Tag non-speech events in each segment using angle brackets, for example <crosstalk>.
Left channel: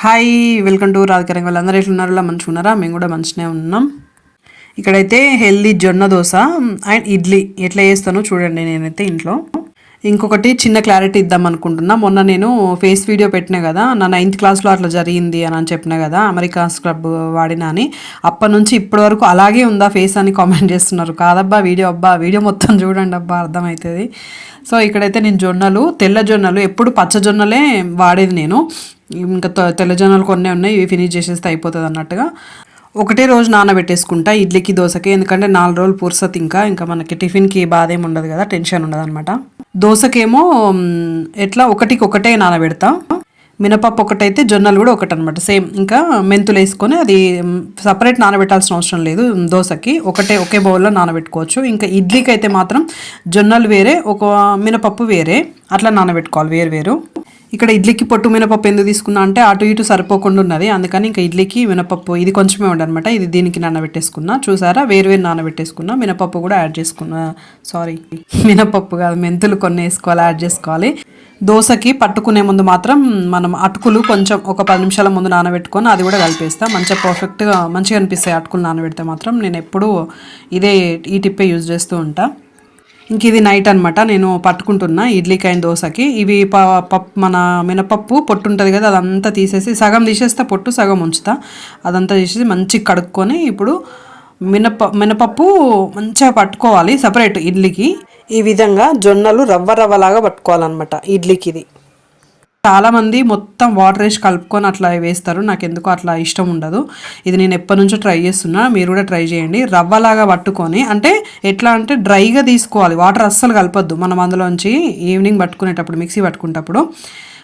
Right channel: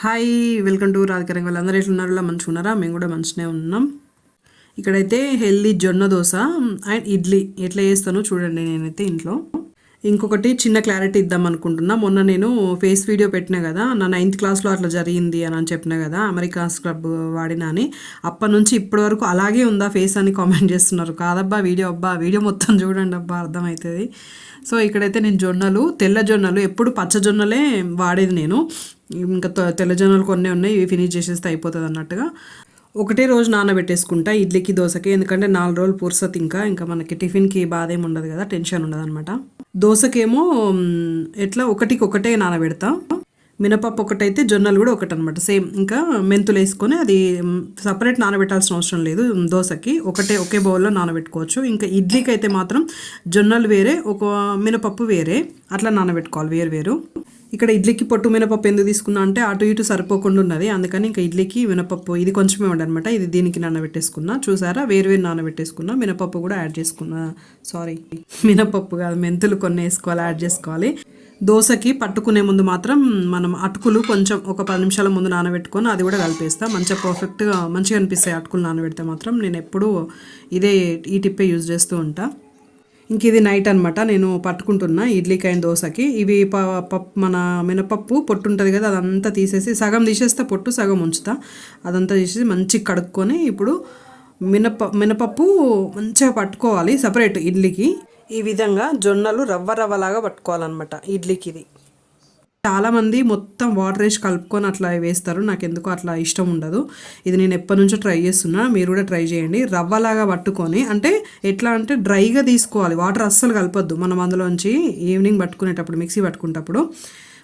Hi welcome to రాధికరంగ వాళ్ళందరూ ఇలా మంచిగా ఉన్నారా మేము కూడా మంచిగానే ఉన్నాం. ఇక్కడైతే హెల్దీ జొన్న దోశ అండ్ ఇడ్లీ. ఎట్లా చేస్తానో చూడండి నేనైతే ఇంట్లో. ఇంకొకటి చిన్న క్లారిటీ ఇద్దాం అనుకుంటున్నా. మొన్న నేను ఫేస్ వీడియో పెట్టినా కదా నా నైన్త్ క్లాస్లో అట్లా జరిగింది అని అని చెప్పిన కదా అమెరికా స్క్రబ్ వాడినా అని. అప్పటి నుంచి ఇప్పటి వరకు అలాగే ఉందా ఫేస్ అని కామెంట్ చేస్తున్నారు. కాదబ్బా వీడియో అబ్బా వీడియో మొత్తం చూడండి అబ్బా అర్థమవుతుంది. సో ఇక్కడైతే నేను జొన్నలు తెల్ల జొన్నలు ఎప్పుడు పచ్చ జొన్నలే వాడేది నేను. ఇంకా తెల్ల జొన్నలు కొన్ని ఉన్నాయి ఇవి ఫినిష్ చేసేస్తే అయిపోతుంది అన్నట్టుగా. ఒకటే రోజు నానబెట్టేసుకుంటా ఇడ్లీకి దోశకి ఎందుకంటే నాలుగు రోజులు పుర్సత్ ఇంకా ఇంకా మనకి టిఫిన్కి బాధ ఏమి ఉండదు కదా టెన్షన్ ఉండదు అనమాట దోశకేమో ఎట్లా ఒకటికి ఒకటే నానబెడతా. మినపప్పు ఒకటైతే జొన్నలు కూడా ఒకటి అనమాట సేమ్ ఇంకా మెంతులు వేసుకొని అది సపరేట్ నానబెట్టాల్సిన అవసరం లేదు. దోశకి ఒకటే ఒకే బౌల్లో నానబెట్టుకోవచ్చు. ఇంకా ఇడ్లీకి అయితే మాత్రం జొన్నలు వేరే ఒక మినపప్పు వేరే అట్లా నానబెట్టుకోవాలి వేరు వేరు. ఇక్కడ ఇడ్లీకి పొట్టు మినపప్పు ఎందుకు తీసుకున్నా అంటే అటు ఇటు సరిపోకుండా ఉన్నది. అందుకని ఇంకా ఇడ్లీకి మినపప్పు ఇది కొంచెమే ఉండనమాట ఇది దీనికి నానబెట్టేసుకున్నా. చూసారా? వేరు వేరు నానబెట్టేసుకున్నా. మినపప్పు కూడా యాడ్ చేసుకున్నా. సారీ. మినపప్పు కాదు మెంతులు కొన్ని వేసుకోవాలి యాడ్ చేసుకోవాలి. దోశకి పట్టుకునే ముందు మాత్రం మనం అటుకులు కొంచెం ఒక పది నిమిషాల ముందు నానబెట్టుకొని అది కూడా కలిపేస్తాను మంచిగా పర్ఫెక్ట్గా మంచిగా అనిపిస్తాయి అటుకులు నానబెడితే మాత్రం. నేను ఎప్పుడూ ఇదే ఈ టిప్పే యూజ్ చేస్తూ ఉంటా. ఇంక ఇది నైట్ అనమాట నేను పట్టుకుంటున్నా ఇడ్లీకి అయిన దోశకి. ఇవి ప పప్పు మన మినపప్పు పొట్టు ఉంటుంది కదా అదంతా తీసేసి సగం తీసేస్తా పొట్టు సగం ఉంచుతా. అదంతా తీసేసి మంచిగా కడుక్కొని ఇప్పుడు మినప మినపప్పు మంచిగా పట్టుకోవాలి సపరేట్ ఇడ్లీకి. ఈ విధంగా జొన్నలు రవ్వ రవ్వలాగా పట్టుకోవాలన్నమాట ఇడ్లీకి ఇది చాలామంది మొత్తం వాటర్ వేసి కలుపుకొని అట్లా వేస్తారు. నాకు ఎందుకో అట్లా ఇష్టం ఉండదు. ఇది నేను ఎప్పటి నుంచో ట్రై చేస్తున్నా. మీరు కూడా ట్రై చేయండి. రవ్వలాగా పట్టుకొని అంటే ఎట్లా అంటే డ్రైగా తీసుకోవాలి. వాటర్ అస్సలు కలపద్దు. మనం అందులోంచి ఈవినింగ్ పట్టుకునేటప్పుడు మిక్సీ పట్టుకునేటప్పుడు.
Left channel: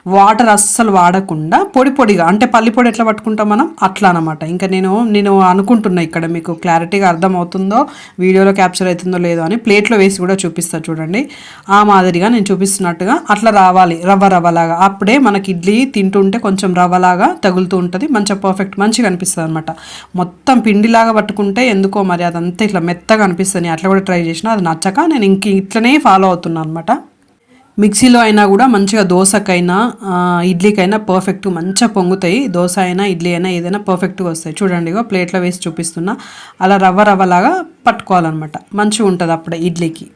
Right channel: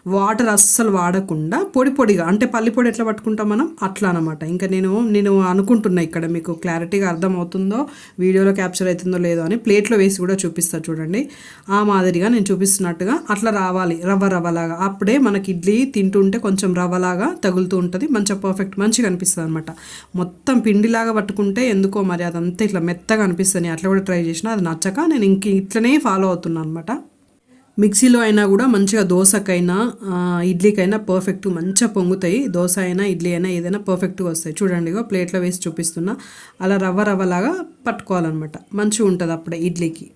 వాటర్ అస్సలు వాడకుండా పొడి పొడిగా అంటే పల్లి పొడి ఎట్లా పట్టుకుంటాం మనం? అట్లా అనమాట ఇంకా నేను నేను అనుకుంటున్నా ఇక్కడ మీకు క్లారిటీగా అర్థమవుతుందో వీడియోలో క్యాప్చర్ అవుతుందో లేదో అని ప్లేట్లో వేసి కూడా చూపిస్తా చూడండి. ఆ మాదిరిగా నేను చూపిస్తున్నట్టుగా అట్లా రావాలి రవ్వ రవ్వలాగా. అప్పుడే మనకి ఇడ్లీ తింటుంటే కొంచెం రవ్వలాగా తగులుతూ ఉంటుంది మంచిగా పర్ఫెక్ట్ మంచిగా అనిపిస్తుంది అనమాట మొత్తం పిండిలాగా పట్టుకుంటే ఎందుకో మరి అదంతా ఇట్లా మెత్తగా అనిపిస్తుంది. అట్లా కూడా ట్రై చేసిన అది నచ్చక నేను ఇంక ఇట్లనే ఫాలో అవుతున్నాను అనమాట మిక్సీలో అయినా కూడా మంచిగా దోశకైనా ఇడ్లీకైనా పర్ఫెక్ట్ మంచిగా పొంగుతాయి. దోశ అయినా ఇడ్లీ అయినా ఏదైనా పర్ఫెక్ట్గా వస్తాయి. చూడండి ఇగో ప్లేట్లో వేసి చూపిస్తున్నా. అలా రవ్వ రవ్వలాగా పట్టుకోవాలన్నమాట. మంచిగా ఉంటుంది అప్పుడే ఇడ్లీకి.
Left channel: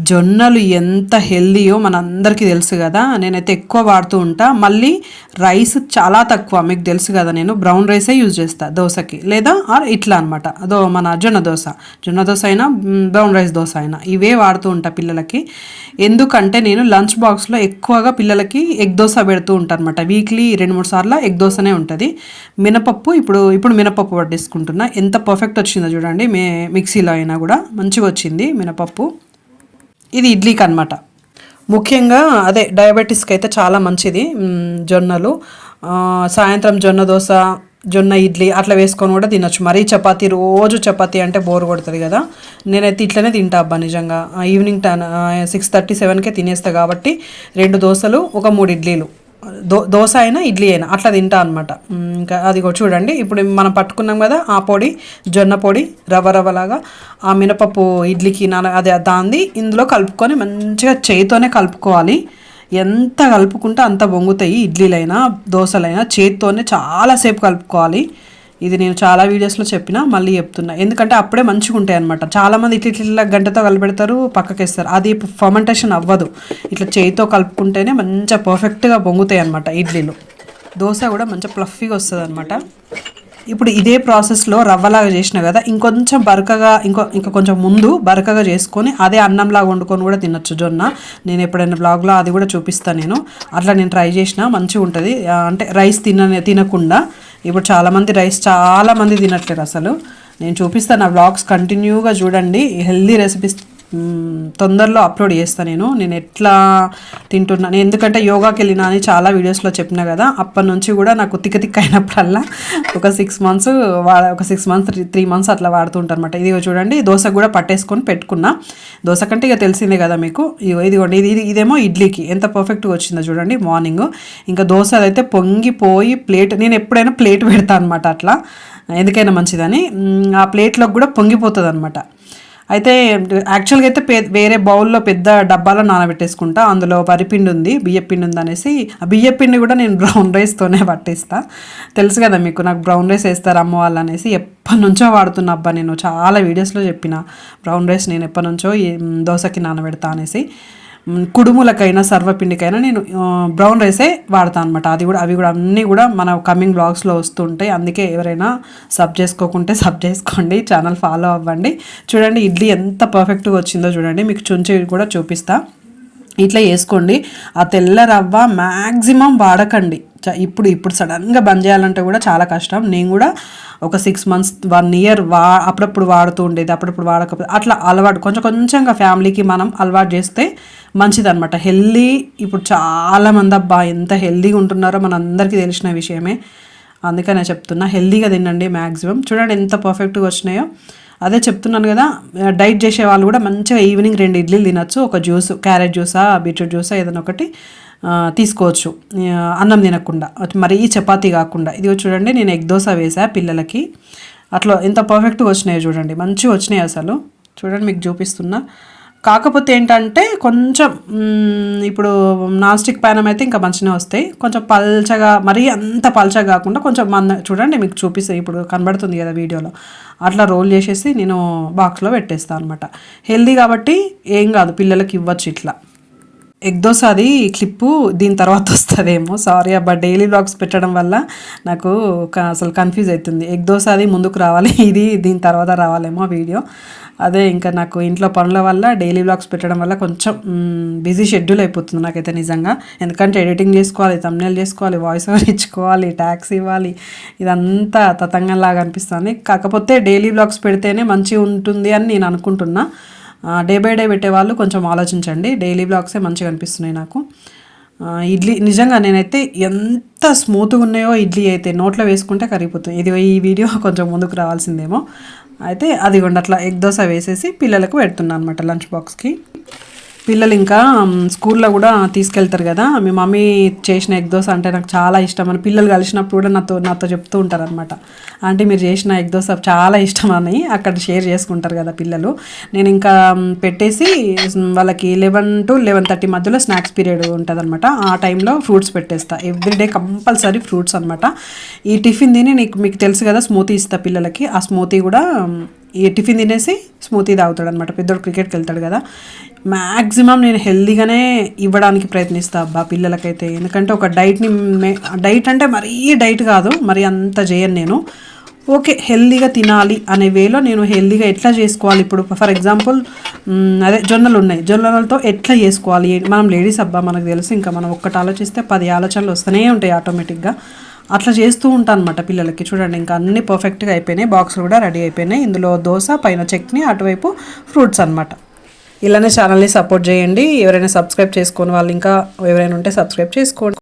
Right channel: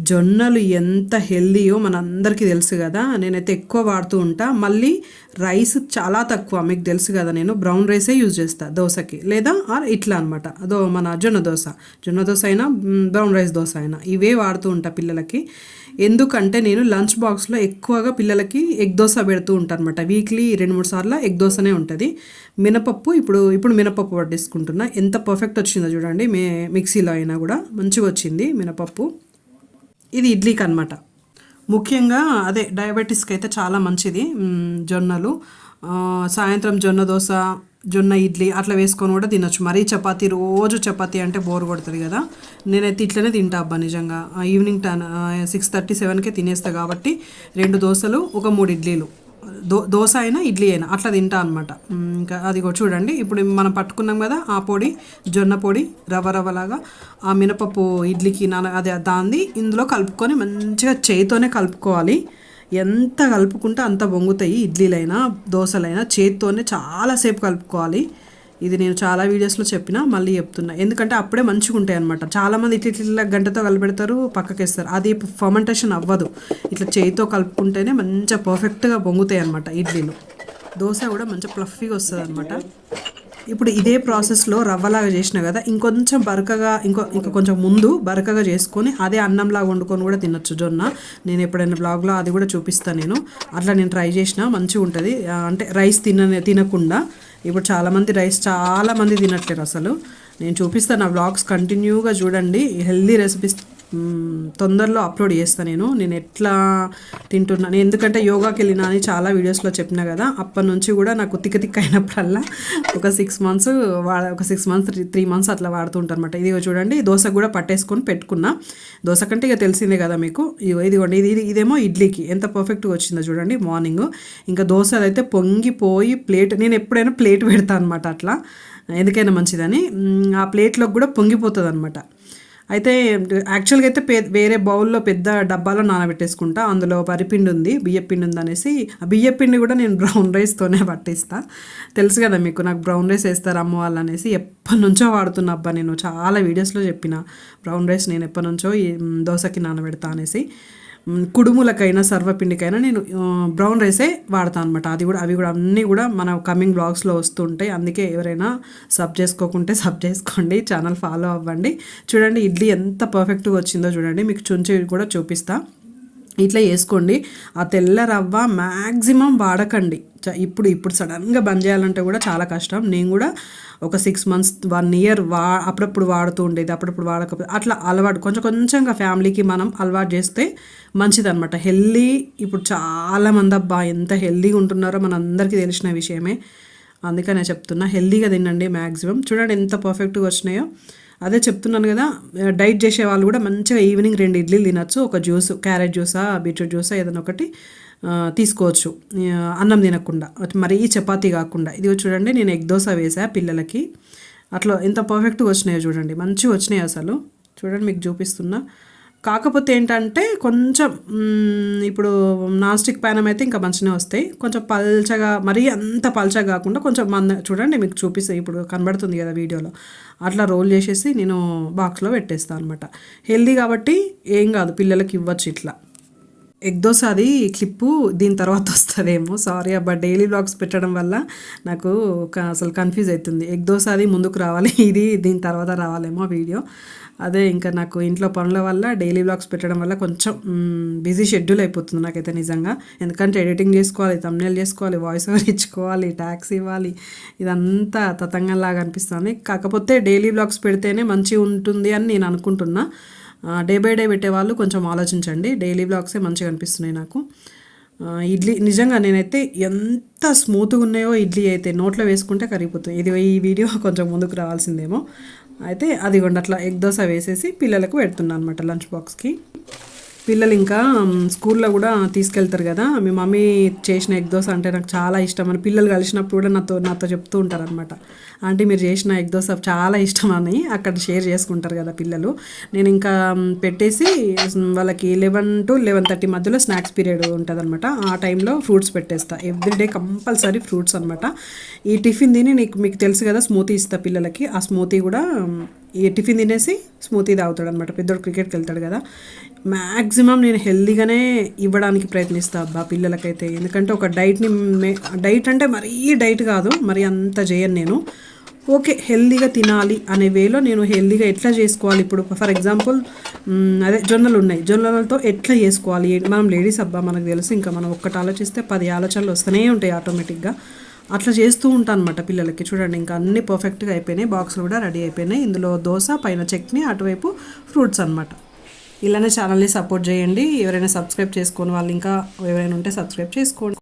జొన్నలు ఎంత హెల్దీయో మనందరికీ తెలుసు కదా. నేనైతే ఎక్కువ వాడుతూ ఉంటా. మళ్ళీ రైస్ చాలా తక్కువ మీకు తెలుసు కదా నేను. బ్రౌన్ రైసే యూజ్ చేస్తాను దోశకి. లేదా ఆర్ ఇట్లా అనమాట అదో మన జొన్న దోశ. జొన్న దోశ అయినా బ్రౌన్ రైస్ దోశ అయినా. ఇవే వాడుతూ ఉంటా పిల్లలకి. ఎందుకంటే నేను లంచ్ బాక్స్లో ఎక్కువగా పిల్లలకి ఎగ్ దోశ పెడుతూ ఉంటాను అనమాట వీక్లీ రెండు మూడు సార్లు ఎగ్ దోశనే ఉంటుంది. మినపప్పు ఇప్పుడు ఇప్పుడు మినపప్పు పట్టించుకుంటున్నా ఎంత పర్ఫెక్ట్ వచ్చిందో చూడండి. మే మిక్సీలో అయినా కూడా మంచిగా వచ్చింది మినపప్పు. ఇది ఇడ్లీకి అనమాట ముఖ్యంగా అదే డయాబెటీస్కి అయితే చాలా మంచిది జొన్నలు. సాయంత్రం జొన్న దోశ జొన్న ఇడ్లీ అట్లా వేసుకొని కూడా తినొచ్చు. మరీ చపాతీ రోజు చపాతీ అంటే బోర్ కొడుతుంది కదా. నేనైతే ఇట్లనే తింటా అబ్బా నిజంగా. ఈవినింగ్ టెన్ సిక్స్ థర్టీ సెవెన్కే తినేస్తా కాబట్టి రెండు దోశలు ఒక మూడు ఇడ్లీలు. దో దోశ అయినా ఇడ్లీ అయినా అట్లా తింటా అనమాట ఇంకా అది కూడా చూడండి ఇప్పుడు మనం పట్టుకున్నాం కదా ఆ పొడి జొన్న పొడి రవ్వ రవ్వలాగా ఆ మినపప్పు ఇడ్లీకి నాన అది దాంది ఇందులో కలుపుకొని మంచిగా చేయితోనే కలుపుకోవాలి. ఎంత కలుపుకుంటే అంత వంగుతాయి ఇడ్లీలైనా దోశలైనా చేతితోనే చాలాసేపు కలుపుకోవాలి. ఇది నేను చాలా వీడియోస్లో చెప్పిన మళ్ళీ చెప్తున్నా. ఎందుకంటే అప్పుడే మంచిగా ఉంటాయి అనమాట చాలామంది ఇట్లా ఇట్లా గంటతో కలిపెడతారు పక్కకేస్తారు. అది ఫర్మెంటేషన్ అవ్వదు. ఇట్లా చేయితో కలుపుకుంటేనే మంచిగా పర్ఫెక్ట్గా పొంగుతాయి అనమాట ఇడ్లీలు. దోశ కూడా మంచిగా ప్లఫీగా వస్తుంది అనమాట ఇప్పుడు ఇదే ప్రాసెస్లో రవ్వలాగా చేసిన కదా ఇంకొంచెం బరకగా ఇంకో ఇంకా కొంచెం ముందు బరకగా చేసుకొని అదే అన్నంలాగా వండుకొని కూడా తినొచ్చు జొన్న. నేను ఎప్పుడైనా బ్లాగ్లో అది కూడా చూపిస్తాను నేను. అట్లా నేను ట్రై చేసిన మంచిగా ఉంటుంది అంటే రైస్ తిన తినకుండా ఇప్పుడు చాలామంది రైస్ చాలామంది తినట్లేరు అసలు. నేను చూపిస్తాను నా బ్లాగ్స్ కంటిన్యూగా చూడండి. హెల్దీ రెసిపీస్ తొందరలో అప్లోడ్ చేస్తాను నేను. నేను ఎట్లా తింటున్నాను ఎందుకంటే యోగాకి వెళ్ళినా అని చాలా వీడియోస్లో చెప్పిన కదా అప్పటి నుంచి కూడా నాకు తిక్క తిక్క అయినప్పుడల్లా ఒక సిక్స్ మంత్స్ వా ఒక సిక్స్ మంత్స్ త్రీ మంత్స్ అట్లా వాడుతుంటాను అనమాట ఇది చూడండి దోశ కూడా పట్టేసుకొని పెట్టుకున్నా. దోశ కంటే ఇక తెలిసిందే కదా మీకు. ఇదిగోండి ఇది ఇది ఇదేమో ఇడ్లీకి. ఎంత పర్ఫెక్ట్గా వచ్చిందో చూడండి మార్నింగ్ ఇంకా దోశ అయితే పొంగిపోయి ప్లేట్ నేను ఎప్పుడైనా ప్లేట్ పెడతాను అనమాట అట్లా. ఎందుకైనా మంచిదని. ఆ ప్లేట్లోకి కూడా పొంగిపోతుంది అనమాట అయితే యాక్చువల్గా అయితే పే వేరే బౌల్లో పెద్ద డబ్బాలో నానబెట్టేసుకుంటా. అందులో వరిపిండి ఉంది బియ్యపిండి ఉంది అనేసి ఆ బియ్యపిండి కూడా నేను బ్రౌన్ రైస్తోనే పట్టిస్తా. తెలుసు కదా మీకు నాకు బ్రౌన్ రైస్ వేస్తారు అమ్మ వాళ్ళు అనేసి ఎప్పటి నుంచో వాడుతున్నా అబ్బా నేను. చాలా వీడియోస్లో చెప్పిన బ్రౌన్ రైస్ నేను ఎప్పటి నుంచో ఈ దోశకి నానబెడతా అనేసి. కుడుములకైనా సర్వపిండికైనా నేను బ్రౌన్ రైసే వాడతాను అనమాట అది కూడా అవి కూడా అన్నీ కూడా మన కమింగ్ బ్లాగ్స్లో వస్తుంటాయి. అందుకే ఎవరైనా సబ్ చేసుకోకుంటే <laughs> సబ్ చేసుకోండి ఛానల్ ఫాలో అవ్వండి. చూడండి ఇడ్లీ ఎంత పర్ఫెక్ట్గా వచ్చిందో చూడండి. మీకు చుంచి కూడా చూపిస్తాను ఇట్లా వేసుకోండి ఆ తెల్ల రవ్వ మ్యాక్సిమం వాడకండి. చ- ఇప్పుడు ఇప్పుడు సడన్గా బంద్ చేయాలంటే కూడా చాలా కష్టం. నేను కూడా ఒక సిక్స్ మంత్స్ వన్ ఇయర్ వా అప్పుడప్పుడు వాడుతూ ఉండేది. అప్పుడప్పుడు వాడకపోతే అట్లా అలవాటు కొంచెం కొంచెంగా ఫ్యామిలీకి మనం అలవాటు చేస్తే మంచిదన్నమాట. హెల్దీ ఇప్పుడు చాలామంది అబ్బా ఎంత హెల్దీగా ఉంటున్నారో మనందరికీ తెలిసిన విషయమే. అందుకనే చెప్తున్నా హెల్దీగా తినండి మ్యాక్సిమం చూడండి ఎంత పర్ఫెక్ట్గా వచ్చినాయో. అదే చెప్తున్నాను కదా డైట్ చేసే వాళ్ళు కూడా మంచిగా ఈవినింగ్ రెండు ఇడ్లీలు తినొచ్చు ఒక జ్యూస్ క్యారెట్ జ్యూసా బీట్రూట్ జ్యూసా ఏదైనా ఒకటి తీసుకోవచ్చు. అన్నం తినకుండా. మరీ చపాతీ కాకుండా. ఇది చూడండి నేను ఎగ్ దోశ వేసా పిల్లలకి. అట్లా ఎంత పర్ఫెక్ట్గా వచ్చినాయో చూడండి. మంచిగా వచ్చినాయి అసలు. చూడండి మీకు చూపిస్తున్నా. కాకపోతే ఏంటంటే కొంచెం ఇప్పుడు నాన్ స్టిక్ ప్యానం అయితే ఇంకా మంచిగా వస్తాయి. కొంచెం పల్చగా మరీ అంత పల్చగా కాకుండా కొంచెం మంద చూడండి మీకు చూపిస్తాయి ఇప్పుడు కనబడుతుంది కదా వీడియోలో. అట్లా రోల్ చేసేసి నేను బాక్స్లో పెట్టేస్తాను అనమాట హెల్దీ కాబట్టి ఏం కాదు పిల్లలకి ఇవ్వచ్చు ఇట్లా. ఎగ్ దోశ అది క్లిప్పు దీని తర్వాత వస్తుందేమో. సారీ అబ్బా డైలీ బ్లాగ్స్ పెట్టడం వల్ల నాకు అసలు కన్ఫ్యూజ్ అవుతుంది. ఎగ్ దోశ అది ముందుకు రావాలి ఇది దీని తర్వాత రావాలేమో వీడియో. అదే ఇంకా నాకు ఇంట్లో పనుల వల్ల డైలీ బ్లాగ్స్ పెట్టడం వల్ల కొంచెం బిజీ షెడ్యూల్ అయిపోతుంది నాకైతే నిజంగా. ఎందుకంటే ఎడిటింగ్ చేసుకోవాలి తమ్నేల్ చేసుకోవాలి వాయిస్ ఓవర్ ఇచ్చుకోవాలి ట్యాక్స్ ఇవ్వాలి. ఇదంతా తతంగంలాగా అనిపిస్తుంది. కాకపోతే డైలీ బ్లాగ్స్ పెడితేనే మంచిగా ఉంటుంది అని నేను అనుకుంటున్నా. డే బై డే పెట్టే వాళ్ళు కొంచెం ఆలోచించండి. డైలీ బ్లాగ్సే మంచిగా అనిపిస్తున్నాయి నాకు. ఇడ్లీ నిజంగా నేనైతే ఎంత స్మూత్గా ఉన్నాయో ఇడ్లీ అయితే నోట్లో వేసుకుంటే కరిగిపోతుంది. ఇది ఈ వీడియో <laughs> కొంచెం ముందుకు రావాల్సిందేమో. అయితే అది అట్లా ఎగ్ దోశ వేసేసి పిల్లలకు పెడుతున్నాను అనమాట లంచ్ బాక్స్కి. పిల్లలు ఇంకా స్కూల్లో కూడా తీసుకెళ్తారు కదా. మీ మమ్మీ చేసిన ఎగ్ దోశ అంటే నాకు చాలా ఇష్టం అని పిల్లలు కలిసినప్పుడు కూడా నాతో నాతో చెప్తూ ఉంటారు అనమాట అంటే మీరు చేసిన ఎగ్ దోశ చాలా ఇష్టం అని అక్కడ షేర్ చేసుకుంటారు కదా పిల్లలు. నేను ఇంకా పెట్టేసి వాళ్ళకి లెవెన్ టు లెవెన్ థర్టీ మధ్యలో స్నాక్స్ పీరియడ్ ఉంటుంది అనమాట ఆ టైంలో ఫ్రూట్స్ పెట్టేస్తా. ఎవ్రీడే కంపల్సరీ ఫ్రూట్స్ అనమాట ఈ టిఫిన్ తిని నీకు మీకు తెలుసు కదా స్మూతీ ఇస్తా పిల్లలకి. ఆ స్మూతీ కూడా టిఫిన్ తినేసి స్మూతీ తాగుతాడు అనమాట పెద్దోడు క్రికెట్కి వెళ్తాడు కదా. మ్యాక్సిమం నేను హెల్దీగానే ఇవ్వడానికి ప్రయత్నిస్తా అబ్బా పిల్లలకైతే. ఎందుకంటే ఒక డైట్ని మే డైట్ అంటే మరీ డైట్ కాదు మరి అంత చేయను నేను. ఓకే హెల్దీగా తినాలి అనే వేలో నేను హెల్దీగా ఎట్లా చేసుకోవాలి? ఇప్పుడు ఫర్ ఎగ్జాంపుల్ అదే జొన్నలు ఉన్నాయి. జొన్నలతో ఎట్లా చేసుకోవాలి? మనం లేడీస్ అబ్బా మనకు తెలుసు ఇంకా మనం ఒక్కటి ఆలోచిస్తే పది ఆలోచనలు వస్తూనే ఉంటాయి ఆటోమేటిక్గా. అట్లా చేస్తూ ఉంటాను అనమాట పిల్లలకి. చూడండి ఇంకా అన్ని పర్ఫెక్ట్గా అయిపోయినాయి. బాక్స్ కూడా రెడీ అయిపోయినాయి. ఇందులో దోశ పైన చట్నీ అటువైపు ఫ్రూట్స్ అనమాట ఇలానే ఛానల్ని సపోర్ట్ చేయండి. ఎవరైనా సబ్స్క్రైబ్ చేసుకోని వాళ్ళు ఇంకా ఎవరైనా ఉంటే సబ్స్క్రైబ్ చేసుకోండి.